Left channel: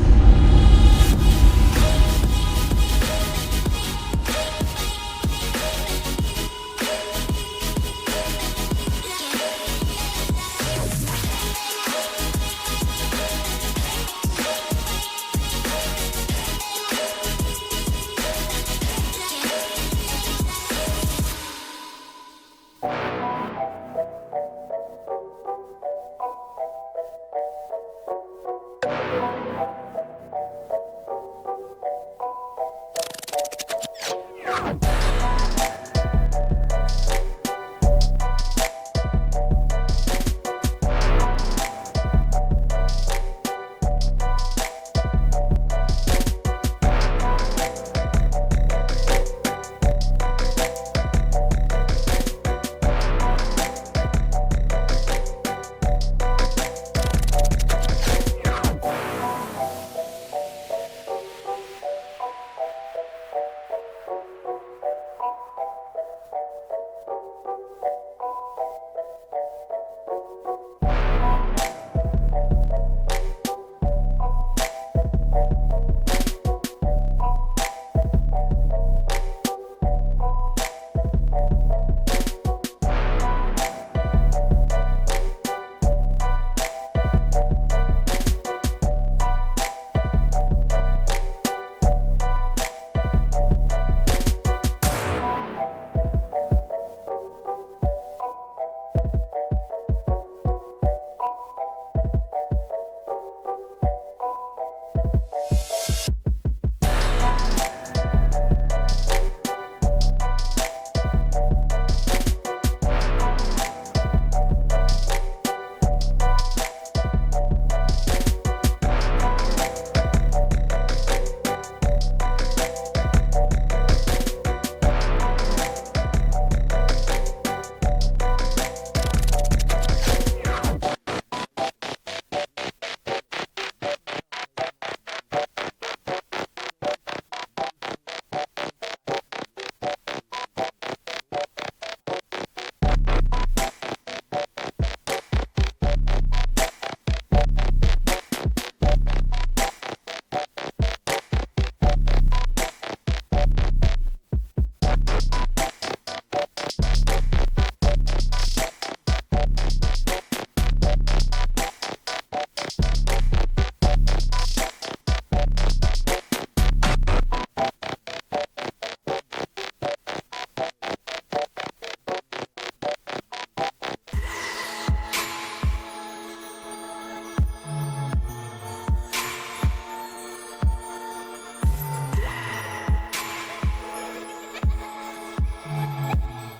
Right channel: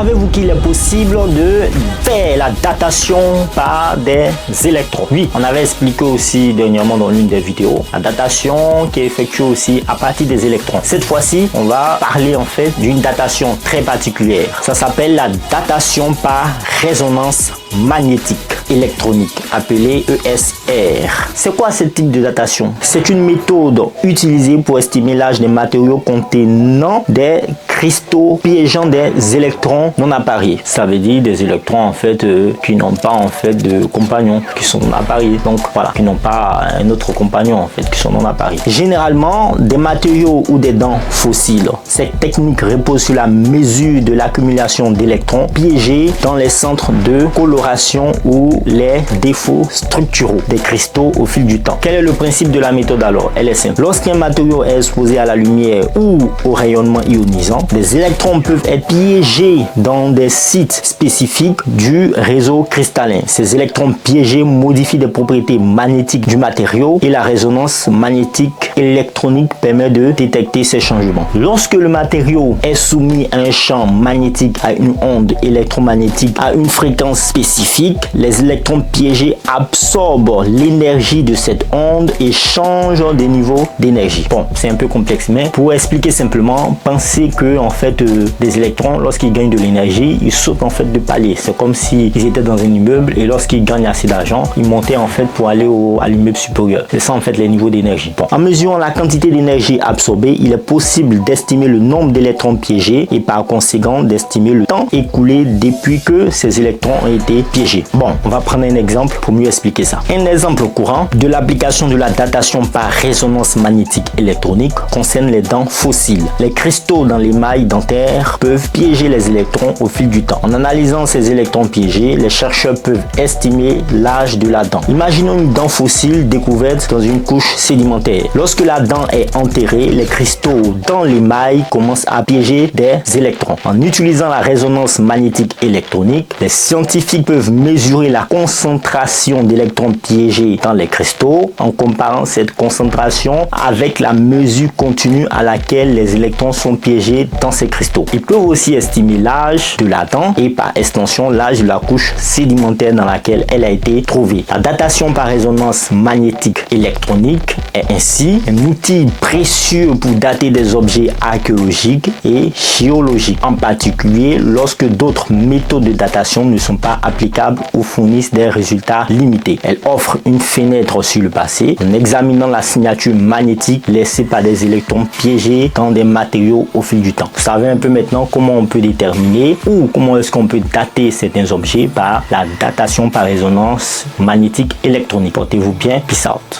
Savez-vous qu'il est possible de faire la datation par des électrons? Oui, on avait expliqué aussi dernièrement dans l'une des vidéos la datation qui est effectuée aussi à partir des électrons. Cette fois-ci, on va parler en fait d'une datation très particulière. Ça s'appelle la datation par résonance magnétique électronique, appelée ESR. C'est quoi ce type de datation? C'est une méthode utilisée pour estimer l'âge des matériaux contenant des cristaux piégeant des électrons non appariés. Ça veut dire des électrons en fait qui n'ont pas en fait de compagnons, qui sont non appariés. Donc voilà, qui n'ont pas un autre compagnon en fait, qui sont non appariés. Généralement, des matériaux ou des dents fossiles. Cette technique repose sur la mesure de l'accumulation d'électrons piégés dans les centres de coloration ou les défauts structuraux des cristaux au fil du temps. Quel est le principe de la méthode alors? Elle est simple. Lorsqu'un matériau est exposé à la lumière ou au rayonnement ionisant, les électrons peuvent être piégés dans des sites spécifiques du réseau cristallin. Ces électrons piégés modifient des propriétés magnétiques du matériau et la résonance magnétique électronique permet de détecter ces changements. Lorsque le matériau est soumis à un champ magnétique, à une onde électromagnétique, à une fréquence spécifique, les électrons piégés absorbent l'énergie de cette onde et changent des niveaux d'énergie. Bon, c'est un peu complexe, mais pour expliquer simplement, pensez que en fait des électrons, lorsqu'ils gagnent de l'énergie, ils sautent en fait de palier. C'est comme s'ils étaient dans un immeuble et lorsqu'ils gagnent assez d'argent, ils montaient en fait pour aller à l'immeuble supérieur. C'est ça en fait les niveaux d'énergie. Bon, en mesurant la quantité d'énergie absorbée, il est possible d'estimer le nombre d'électrons piégés et par conséquent d'estimer le temps écoulé depuis que ces électrons ont été piégés. Bon, on va prendre un exemple pour mieux expliquer ça. Un exemple courant de l'application de la datation par résonance magnétique électronique concerne les dents fossiles. Les cristaux dans l'émail dentaire peuvent piéger les électrons au fil du temps. En analysant ces électrons piégés, les chercheurs peuvent estimer l'âge de la dent. Imaginons une dent fossile découverte dans une couche sédimentaire. Lorsque la dent est enterrée, les cristaux dans l'émail commencent à piéger des électrons. En utilisant la résonance magnétique électronique, les scientifiques peuvent mesurer la concentration d'électrons piégés dans les cristaux en comparant cette concentration avec la mesure continue à laquelle les électrons sont piégés dans ces cristaux. Ils peuvent aussi estimer l'âge de la dent et par extension l'âge de la couche sédimentaire dans laquelle elle a été trouvée. La datation par résonance magnétique électronique est ainsi un outil précieux pour dater des objets archéologiques et géologiques, en particulier lorsque d'autres méthodes de datation ne sont pas applicables ou fournissent des résultats limités. Elle offre une fenêtre sur le passé en examinant la signature magnétique laissée par des électrons piégés dans des matériaux au fil du temps. Vous savez un peu maintenant comment on peut déterminer ou comment est-ce qu'on peut dater certains objets par la datation par résonance magnétique électronique. Portez-vous bien, peace out.